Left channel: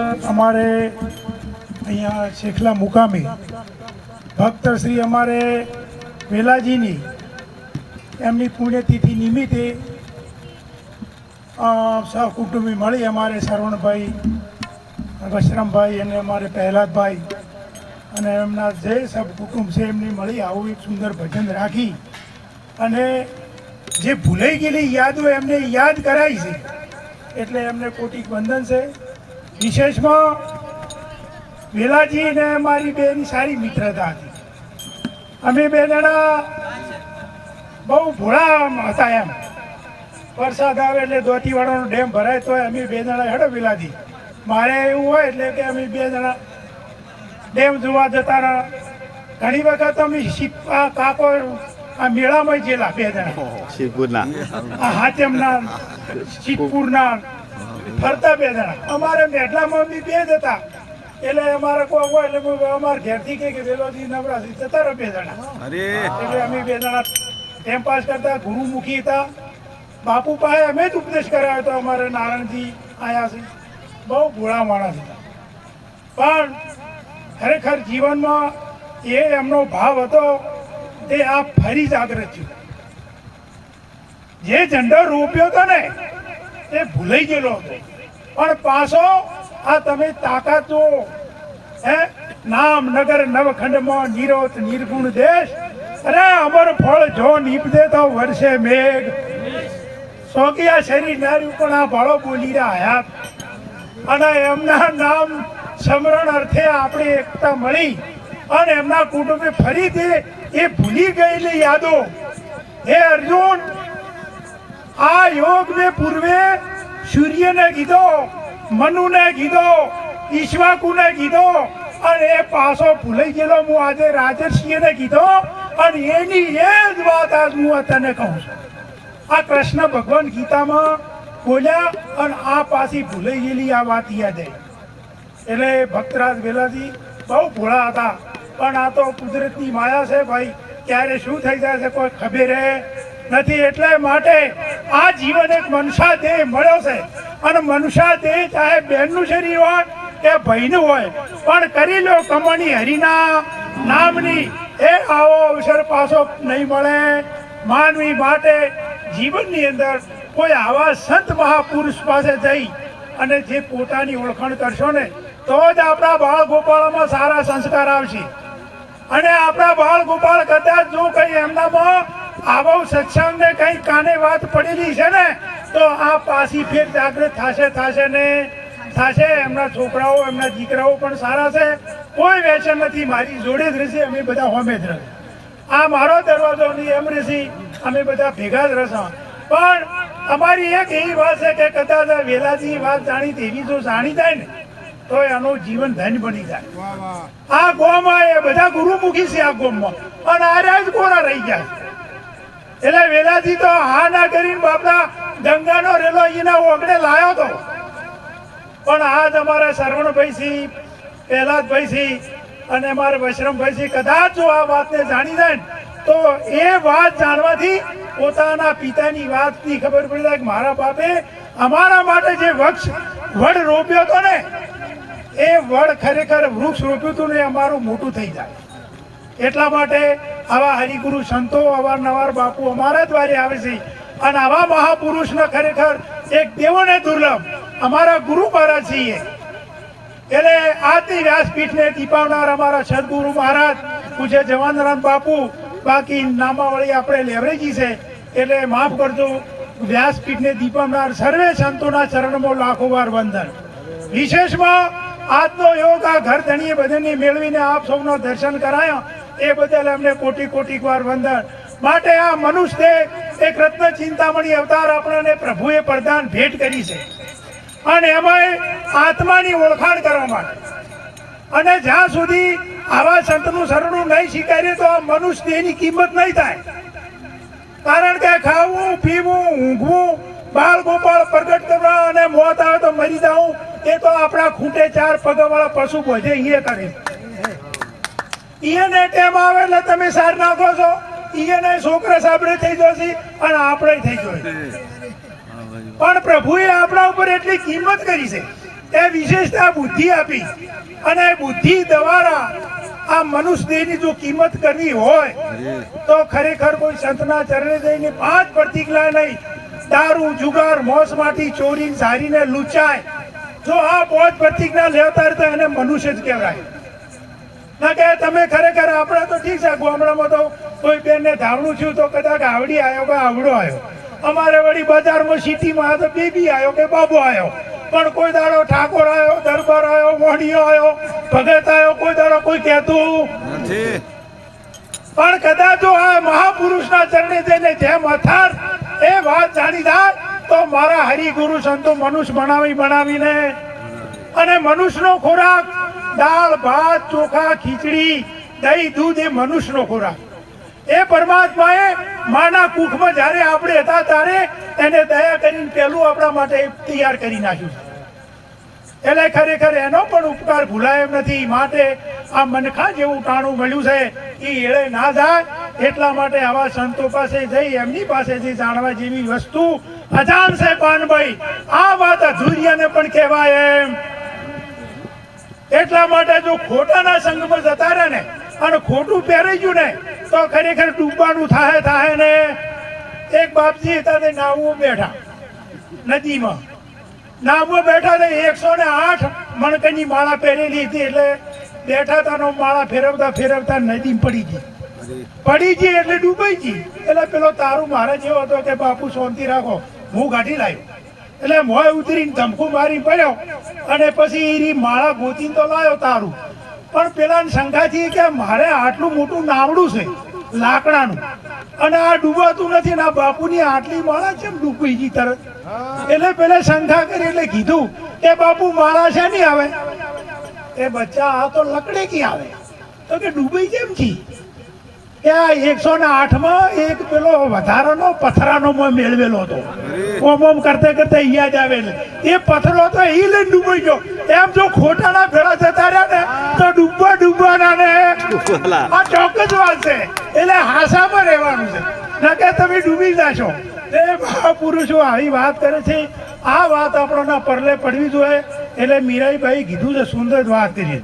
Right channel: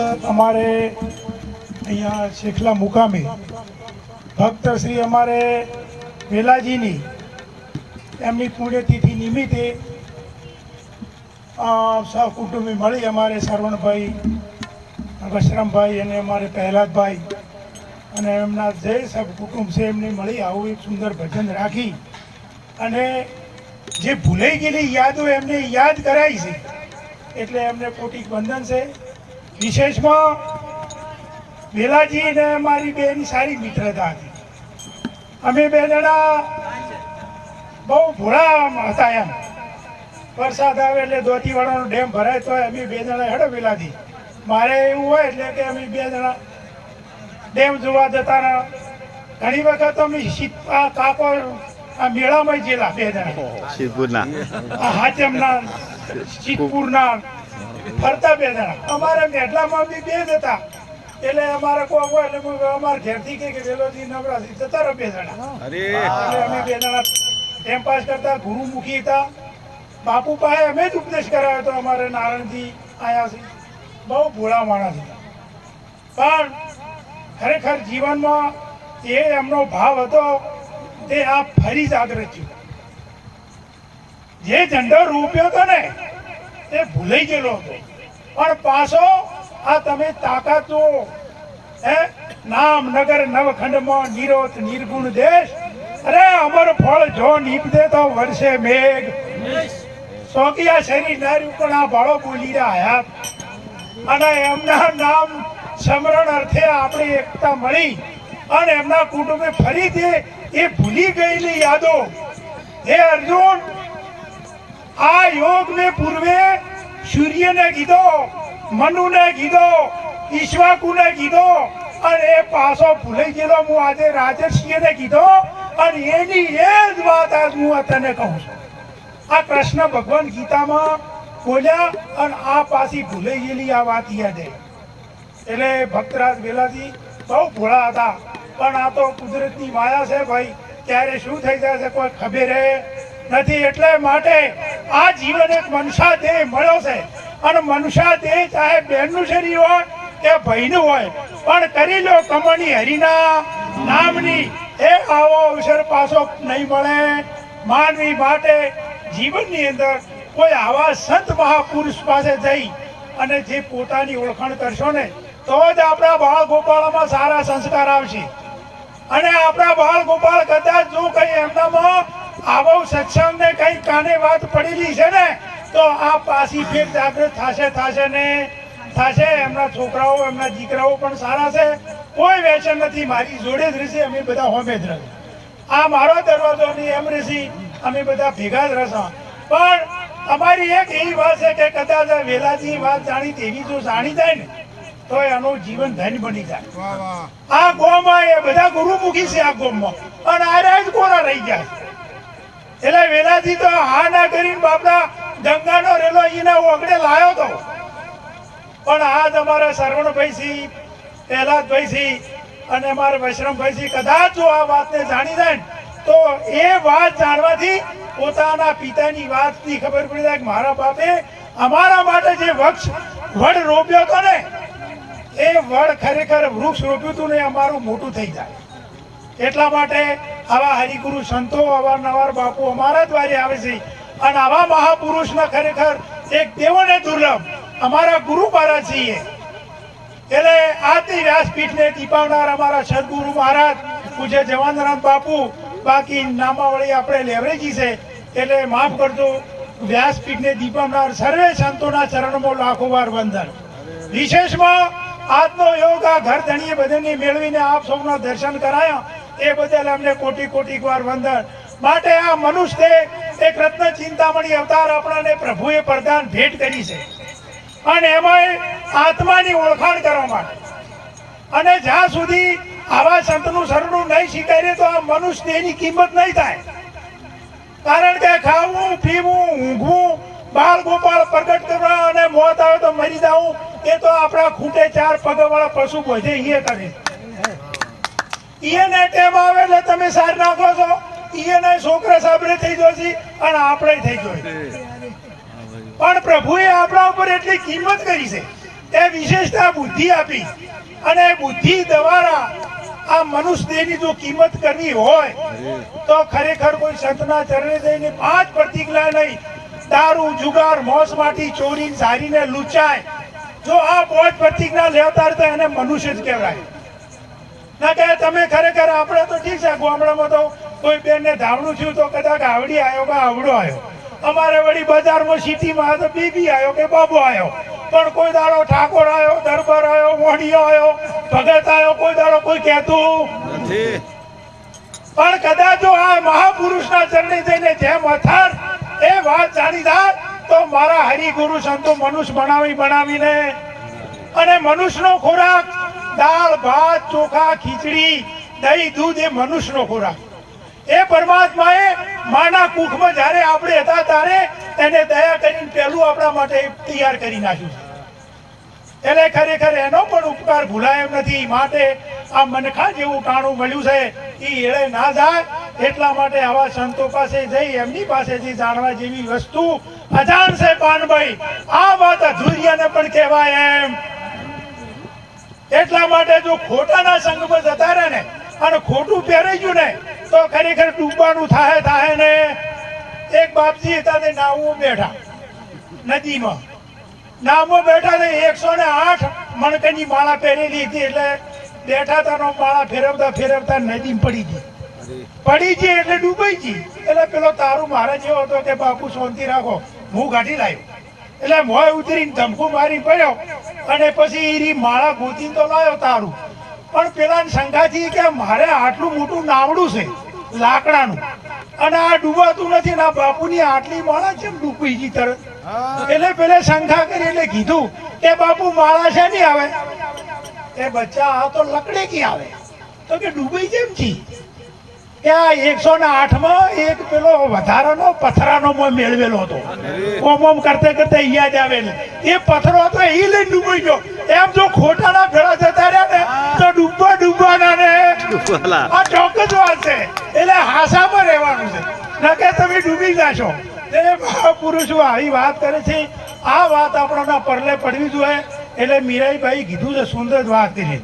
અમારે અહીંયા શેખલા મુકામી ભક્ત શ્રી અમારે વેલાજીની એમની પુણ્યતિથિ નિમિત્તે સહકુટુંબી મળી અમારે સરવણભાઈ, વશરામભાઈ અને અમારે પહેલાદભાઈ અને એમના જે સહકુટુંબ છે એમને મળી આવું એક સુંદર ભજન રાખી અને જે ભૂલાઈ ગયેલી યાદો એમને યાદ કરાઈ છે એટલે એમને કોટી વંદન છે. વિશેષમાં વેલાજી ને અમારી બેની સારી મિત્રતા હતી. અમે બે જણા બહુ ભોળા હતા એમ. વરસાદ આવે એટલે દોતીવાડાનો ડેમ ભરાય તો અમે બે જણા હેડો વેલાજી. મારે એવું હોય એટલે કે અમે બે જણા ડેમ જોવા જતા રહ્યા. ઘણી વખત અમે કાપડ આ મેળામાં ગયેલા બે જણા શિવપુરના હાચમના સિદ્ધપુરના ફરતા બે જણા. અમારે મેઢલામાં બી બે જ હતા એટલે અમારે કોઈ હોય એટલે અમારે ઘેરથી કે વેલોજી નવરાત્રી જતા રહો બે જણા. એટલે અમે બે જણા ટાઈમ પાસ કરતા. ગુરુમુખી હતા. બાપુ પાસે અમે જ ઉપદેશ કરાવ્યો હતો. અમારે નારાયણજી આયા છે. બહુ ભોળા માણસ હતા પણ ખરેખર જીવનમાં એ એમનો ભાવ હતો તે આ ફરી જાગૃત થયું. જે ઝંડો રોપ્યો હતો ને એ ભૂલાઈ ગયેલો હતો પણ પાછો આ તમે તાકાત જુઓ. હે નામ નગર નવખંડમાં નિરોત નિર્ગુણ દેશ. અરે અમર ફળ જો નીપદે તો વર્ષે મેઘ. સોકિયા શરીર નાર્યું પણ આ ભાળો બોલી રહ્યા હયાત. અને એમના નામ સમરણ અર્થે આપણે એકતા મળી અને એમના કુટુંબે ફરીથી એ ભૂલી ગયેલી યાદો. હે અર્જુન, આ યોગ મેં પૂર્વે સૂર્યને કીધો, મનુને કીધો, ઈશ્વાકુને કીધો અને એ પાછો ભૂલાઈ ગયેલો હું આજે રાજર્ષિને કીધો અને એની એ જ વાત આજ હું તને કહું છું. આ કૃષ્ણ ભગવાન ગીતામાં બોલ્યા અને આ પાછી ભૂલાઈ ગયેલી આ વાત યાદ આવી. એટલે ભક્તરાજ વેલાજી બહુ ભોળા હતા પણ આ તો કુદરતની માયા છે ભાઈ. ક્યારે શું થઈ જાય છે કોઈ ખબર નથી. એટલે માટે આ જીવન એક મનુષ્ય દેહ મળ્યો છે અને મનુષ્ય દેહ ચાહે બહેનનું શરીર હોય કે ભાઈનું હોય પણ કરી લો કમણી હરિના નામની. એ આવો અવસર પાછો નહીં મળે. માનવી માટે જીવનની અંદર કોઈ આવા સંત મહાપુરુષ પાસે જઈ અને જે પોતાની ઓળખાણ કરશો ને તો જ આપણા બાળ ગોપાળમાં સારા સંસ્કાર આવશે. અને આપણા બાળ ગોપાળ કદાચ જો કઈ એમનામાં આવો સત્સંગ ને કઈ કાને વાત પડેલી છે ને તો આ પાછી ફેર જાગૃત થશે ને થશે. એમના છોકરાઓ એમના દીકરાઓ પણ સારા છે. કોઈ વેચન નથી. મારી જોડે જ રહેશે. અમે બધા હોમે જ રહે. આ મારો દરવાજો નહીં એમ રહેશે. અમે બધા ભેગા જ રહેશો. પણ અમારી એક એવી વાત છે કે કદાચ વેલાજી વાત જાણી તેવી જો જાણી જાય ને તો એનું જીવન ધન્ય બની જાય. આ ગોમાં એ બધા ગુરુમુખી છે આ ગોમમાં અને આ જ કોરા રહી ગયા. એટલે વેલાજી તો હા ના કરીને બાપના ગંગાનો રેલો એના ઓગળે લાયો તો પણ આજ અમારા સરવણભાઈ સિંહ, પહેલાદભાઈ સિંહ અને અમારા વશરામભાઈ સિંહ કદાચ જો આ વાતને જાણી જાય ને તો એ વાત જાણવાથી પોતાના પિતાની વાતની ખબર પડી જાય કે મારા બાપે અમારા માટે જે વડ રોપ્યો હતો ને એ વડ ખરેખર વૃક્ષ રોપ્યું હતું ને અમારું મોટું થઈ જાય. એટલા માટે આવા હરિગુરુ સંતો અવારનવાર બાપુ અમારા દ્વારે આવે છે અને આવા મહાપુરુષના ખરેખર એક દેવોને દુર્લભ અમારા ગુરુ મહારાજ છીએ. એટલે આજની વ્યાસપીઠને ટીપાવનાર અમારા સદગુરુ મહારાજ પૂજ્ય જવાનરામ બાપુ. બાકી નામાવળી આપણે લેવરેજી છે એટલે માફ કરજો. વ્યાસપીઠને દીપાવનાર સર્વે સંતોના ચરણમાં લાખો વાર વંદન. વિશેષમાં આજનો યોગ આ ઘર ધણીએ બધાને મેળવીને આપ સૌના દર્શન કરાયા એ બદલ અમને કોટી કોટી વાર વંદન. માટે આ મનુષ્ય એક રત્ન ચિંતામણી અવતાર આપણને પ્રભુએ પ્રદાન ભેટ કરી છે અને એમાં આત્માની ઓળખાણ કરવા માટે. અને જ્યાં સુધી આવા સંતનું શરણું નહીં સ્વીકારીએ તો આ મનુષ્ય એની કિંમત નહીં થાય. કારણ કે ખાવું, પીવું, ઊંઘવું, બાળ ગોપાળ પ્રગટ કરવા અને મોત આવે તો મરી જવું એ તો આપણા ખૂટે ચાર પગવાળા પશુ બધે એ કરે. એને ટેમ આવે એટલે તમે સાર નાખો છો. એને છોકરા સાબરે થઈ જશે અને આપણે થઈ જશે. પણ પ્રભુએ આપણા ઉપર એટલી કિંમત કરી છે એ વિશેષતા બુદ્ધિ આપી અને બુદ્ધિ દ્વારા આ મનુષ્ય દેહની જો કિંમત કરવી હોય તો ખરેખર કોઈ સંતના ચરણે જઈને 5 પ્રતિજ્ઞા નહીં, દારૂ જુગાર મોસ માટી ચોરી ઝારીને લૂંચાય, જો આ 5 પ્રતિજ્ઞા લેતા તો એને મનુષ્ય જ કહેવાય. ના કે તમે ખરેખર આપણે તો ઠીક છે, ગામડામાં તો કોઈ બેનને ધાવણું થયું તો કદાચ આવડી આવ્યો કે આવડો આવ્યો, અમારે વળી બજારમાં સિટીમાં આવ્યો તો બીબી આવ્યો કે બાબો આવ્યો, પણ કોઈ દાડો ઠાકોર આવ્યો, દરબાર આવ્યો, મોઢિયો આવ્યો, ભગત આવ્યો, કોઈ દાડો કોઈ કહેતું નથી. પણ કદાચ જો આ મહાપુરુષના ચરણે જઈને જેમ અથાર એ વાત જાણી જાય તો મારા હરિગુરુ સંતો મનુષ્ય બનાવીને અને મનુષ્યનો ખોરાક દાળ ભાત ચોખા ખીચડી દહીં દૂધ એ મનુષ્યનો ખોરાક. એ પરમાત્માએ માના કુખમાં જ્યારે આપણે હતા ત્યારે એને દયા કરીને પહેલું આપણા માટે તૈયાર કરી નાખ્યું. એટલે ખરેખર એનો પણ ઉપકાર ભૂલાય એમ નથી. માટે આ મનખા જેવું ટાણું મળ્યું છે એ એળે ના જાય, એટલા માટે આવા સંતો પાસે જઈ એમની પાસેથી જાણવા જેવી વસ્તુ અજાણ છે પાનભાઈ. આ વાત અધૂરિયાને પણ કહેવાય એમ. એટલા માટે જો ખોટાના સંગ પર જતા રહે ને અને ખોટું પહેરાઈ ગયું ને તો ખરેખર ડૂબવાનું થાય ને. એક બાપજી હતા તે નાવમાં બેઠા, નદીમાં નાવમાં બેઠા તે 108 મણકાની માળા પહેરેલી હતી. એટલે બેઠા હતા માળા ફેરવતા નદીમાં પડી ગઈ એટલે ડૂબાઈ ગઈ. એટલે પેલો તારું મારા જેવો હતો કે બાપુ શાંતિ રાખો, હું કાઢી લાવ્યો. એટલે મોય ઉતરીને ધમકું મારી પડ્યો અને પછી એ માળા ગોતીને તો લાવ્યો તારું. પણ પેલા શંકાથી કે મારે આટલું મોટું નાવડું છે લાકડાનું અને આ ડૂબાતું નથી ને આ બાપુની આટલી માળા કેમ ડૂબી ગઈ તરત? એટલે પેલા શંકા કરી એટલે કીધું કે બાપુ માળા છે નહીં આવે. એ બચ્ચા આ તો લકડે કી આવે તો કે ડૂબી કેમ છી? કે આ 108માં એક પેલો વધારાનો પથરાનો મેળવેલો હતો. ઓમ કરતે અહીંયા જ આવે એ પથરો હતો એ લઈને ડૂબાઈ ગયો. એમ જો ખોટાના ભેળા જતા રહ્યા ને તો ડૂબવાના ને આ ચોક્કસ વાત છે. એટલે હાસામાં રહેવાનું છે, ના કે તમે ડૂબી જાશો. એ મહાપુરુષો આવી વાત કરે છે. આ વાત આપણાના પરલે પડવી જોઈએ. એટલે મીરાઈભાઈ કીધું છે, સુંદર વાત કરી.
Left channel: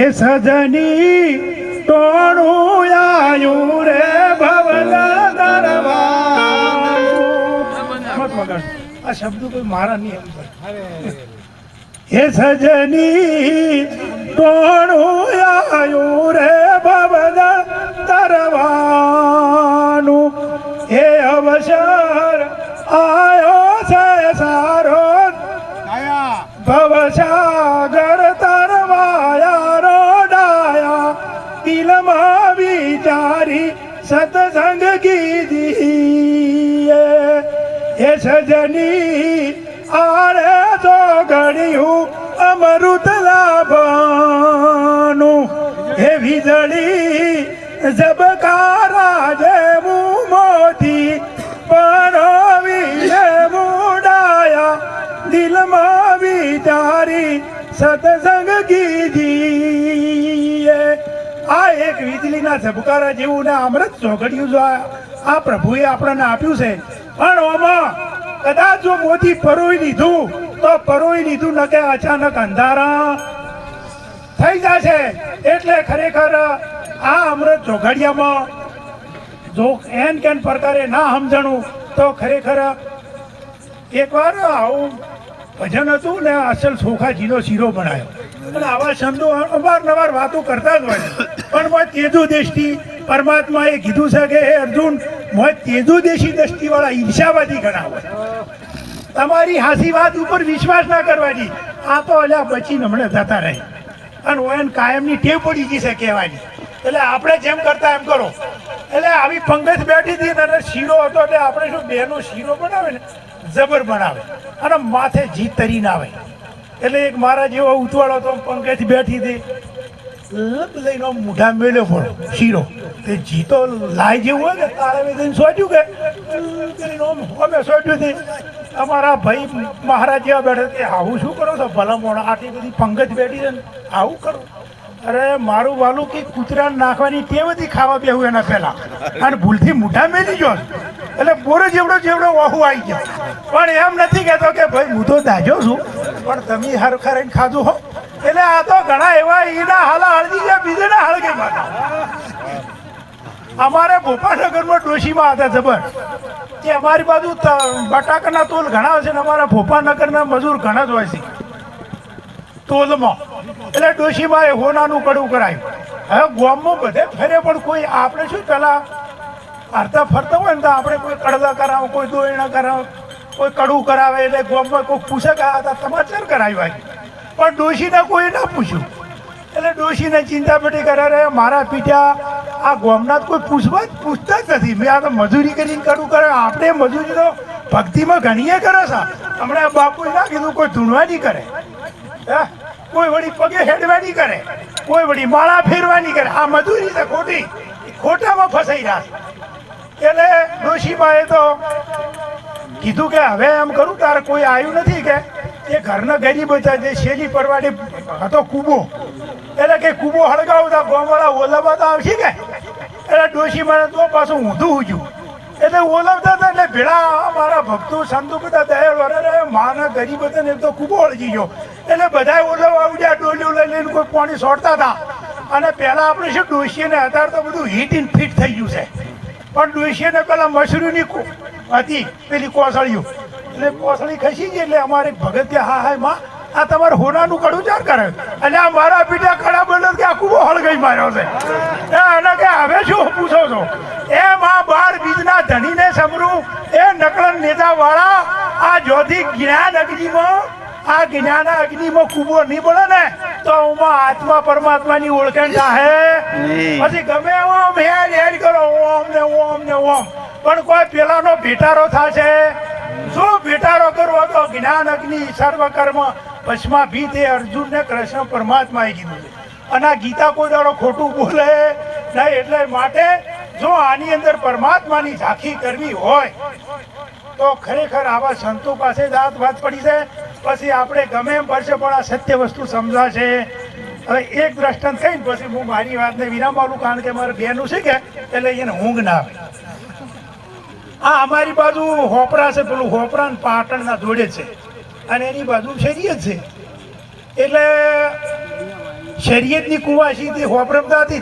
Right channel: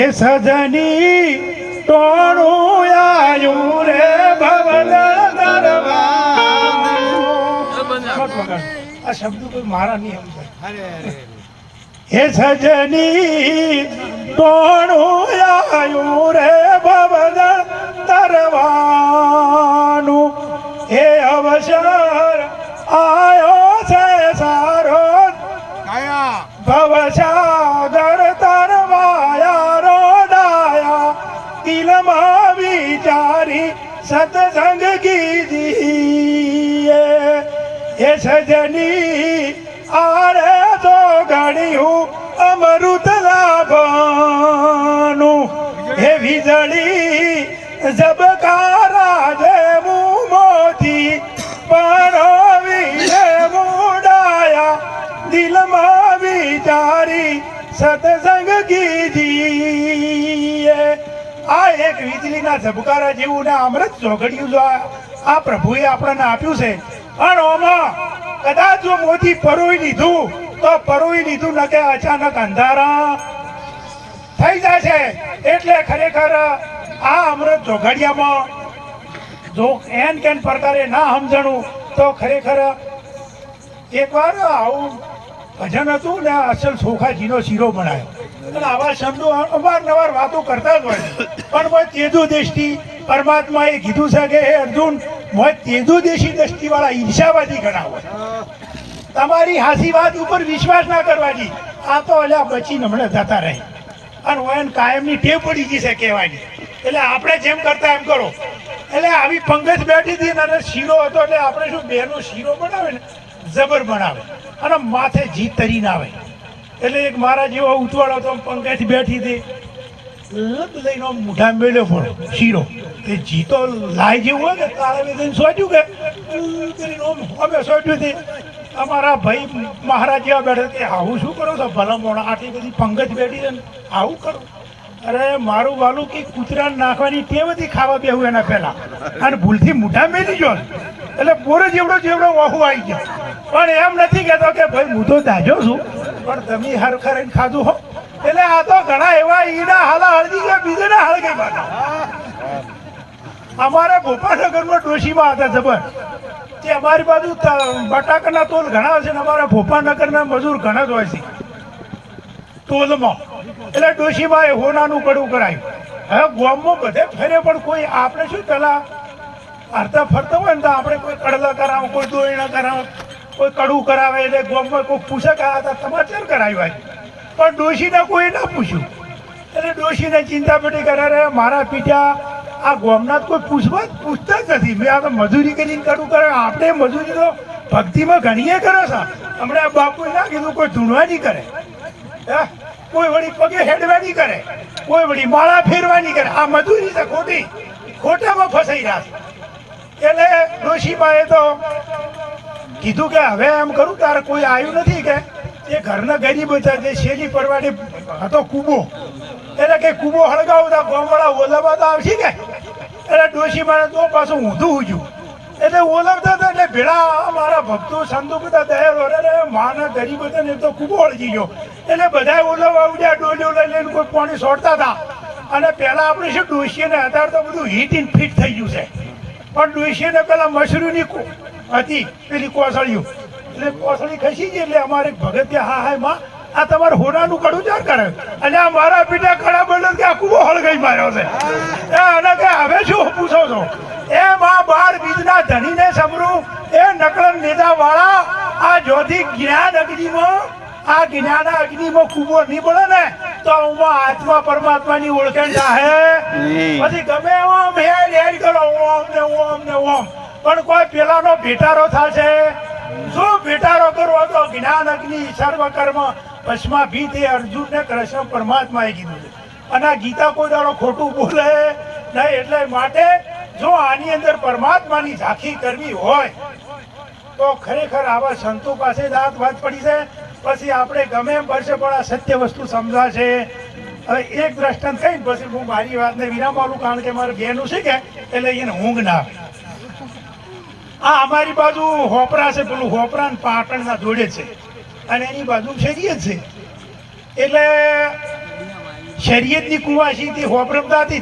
એ સજની ટોણું આયું રે ભવના દરબાર. આ શબ્દો કોઈ મારા નહીં સમજે. હે સજની ટોણું આયું રે ભવના દરબારનું. હે અવસર આયો છે સારો ભવસાગર તરવાયા રોડાયા દિલમાં વિચારી સત્સંગ કીધી. એ સજની આરે તો ઘડ્યું અમૃત લાભનું. હે વીજળી ઝબકારા જેવું મોતી પરોવીને મુડાયા દિલમાં વિચારી સત્સંગ કીજીએ. આ એક વીજળીના ઝબકારા જેવું ને અમૃત ચોઘડિયું જો આ પ્રભુએ આપણને આપ્યું છે. પણ ઓમાં કદાચ જો મોતી પરોઈ લીધું તો પરોઈ લીધું ન કે અચાનક અંધારા થઈ જશે. એટલે ખરેખર આ અમૃત ચોઘડિયામાં જો એન કેન પ્રકારે ના સમજણું તો ખરેખર એકવાર આવું ભજન હતું ને અસલ સોખાજીનો શીરો બનાવ્યો. અને આવા શબ્દો અવારનવાર વાતો કરતા જ હોય. પણ તેજુ દેશથી પરમાત્માએ કીધું છે કે હે અર્જુન, તેજુ દેશી દ્રષ્ટિવાળા ઈર્ષાવાદી ઘણા હોય. તમારી હાસી વાત ઉપર વિશ્વાસ ના કરવાની. આ તો એટલે બચીને હમણાં જતા રહી અને એને કાયમની ટેવ પડી ગઈ છે કહેવાની. એટલે આપણે જેમ કરતા એમ કરો. એટલે આવી પંગજ બેઠી હતી અને શીરો હતો એટલે આપણે શું બેનો શીરો બનાવે ને જબર બનાવે અને માથે જીત તરીને આવે. એટલે એક મારા જેવો ઉતવાળો તો પંગજ બેઠી હતી લઈને મૂઢા મેળ્યો પણ શીરો તે જીતો લાય જેવું હોય ને તારે વેદન સોચ્યું કે અમે સોચ્યું હતી. અમારા ભાઈ મહારાજ જેવા બેઠા કે આવું શું કરો છો ભલા મોણા આટલી બધી પંગજ બેઠી છે ને આવું કરો? અરે મારું વાલું કે કૂતરાને નાખવાની ટેવ હતી ખાવા બેવું એના પહેલા અને ભૂલથી મૂઢા મેલી જો એટલે બોરો જેવડો ઓહું આવી ગયો. પણ એમ નથી કહેતો કે ભાઈ હું તો દાજો છું પણ તમે હરખા રહીને ખાધું હો એટલે આ તો ઘણા એવા ઈના હાલા હળદી ગયા બીજે ના હળગે પાછા. અમારે ભોપાનગરમાં ડોશીમાં હતા જબર કે અમારી બાજુ બટાકાના તોલ ઘણા હોય છે ને અમારા ભોપાનગરના મજૂર ઘણા જ હોય છે તોલમાં. એટલે ડોશીમાં એ હોનાનું કડવું કરાયું. હવે ગામમાં બધે ફરે પણ કોઈ આપણે શું પેલા હરતા ફરતા હોય ને તો આપણે કોઈ કડવા કરાવો, કોઈ દોયણા કરાવો, કોઈ કડવું કરાવે એટલે ગામમાં કોઈ પૂછે કે આ સમાચાર કરાવ્યા પણ ડોશીને કોઈ ના પૂછ્યું. એટલે ડોશીને ચિંતા પેટી કરાવે મારા પીઠ્યા આ ગામના કોઈ પૂછતા જ નથી. મેં આ તો મજૂરી કરીને કડવું કરે. આપણે મજૂરી તો ભક્તિમાં ઘણીએ કરો છો. હમણાં બાપુએ ના કીધું કોઈ ધૂણવા નહીં કરે, કોઈ વળી પગે હેડવા નહીં કરે, કોઈ વળી માળા ફેરવા નહીં કરે. આ મજૂરી તો ખોટી ખોટામાં ફસાઈ રહ્યા છે. એટલે ડોશીમાએ તો કીધું કે હવે એમ કરું તારે કોઈ આવ્યું નથી કે એ ઘરના ગરીબ હતા જે શેરી પરવાડી હતો કૂબો એટલે કે કૂબો હળગાવતા ગામવાળા ઓલાવવા તો આવશે કે એટલે ડોશીમાએ તો પાછું ઊંધું ઉજ્યું એટલે ઓલાવતા હતા એટલે ભેળા મારા ભક્તો સંતો બધા દયા વરે માના ગરીબ હતા ને તો કૂબો હળગી ગયો એટલે બધા ઓલાવવા ઉડ્યા ડોલીઓ લઈ લઈને કોઈ પાણી છોડતા હતા. અને પહેલા આપણે શું ડોશીને અત્યારે તો બધું હીટ ઇન ફિટ થઈ ગયું છે પણ ડોશીને પેલા મશરૂની હતી પેલી કોસળીઓ એટલે કોસળી ખસી ગઈ એટલે અમારે ભગત હા હા માં આ તમારે હોનાનું કડું ચાર કરે અને આ મારા પીઠા ખડા બદલ કે આ કૂબો હળગાઈ માર્યો છે એને કે હવે શું પૂછો છો એમ આ 12 બીજના ધણીને સમરું એ નકળન નેતા વાળા આ જ્યોતિ જ્ઞાન અગ્નિમાં આ જ્ઞાન અગ્નિમાં કૂબો નહીં પડે ને તો ઉમાં આત્મા પરમાત્માની ઓળખાણ થાય પછી ગમે ઓમ હેડ કરો ઓમ ને ઓમ ને ઓમ પણ કોઈ પેલાનો ભેટારો થશે. શું ભેટારો કરવો તો જ્ઞાન અગ્નિ સર્વ કર્મ ભસ્મા ભીતે અર્જુન ને કૃષ્ણ પરમાત્માએ કીધું છે. અને આ ગીતા કોઈ દાડો ખોટું બોલે નહીં. એટલે માટે જો આની અંદર પરમાત્માની ઝાંખી કરવી હોય તો ખરેખર આવા સંતો પાસે જ આ વાત પડી જાય. પછી આપણે ગમે એમ પડશે પણ આ સત્ય વસ્તુ સમજાશે. હવે એક દ્રષ્ટાંત કહીને પછી હું મારી વાતને વિરામ આપું કારણ કે મારે બેનું છે કે એટલે એને ઊંઘ ના આવે. આ અમારી બાજુ હોપરા છે પેલું હોપરા પાટણના જોડે છે અને એની બાજુ શરીયત છે એટલે શરીયતની કુવાસીથી હોપરમતા હતી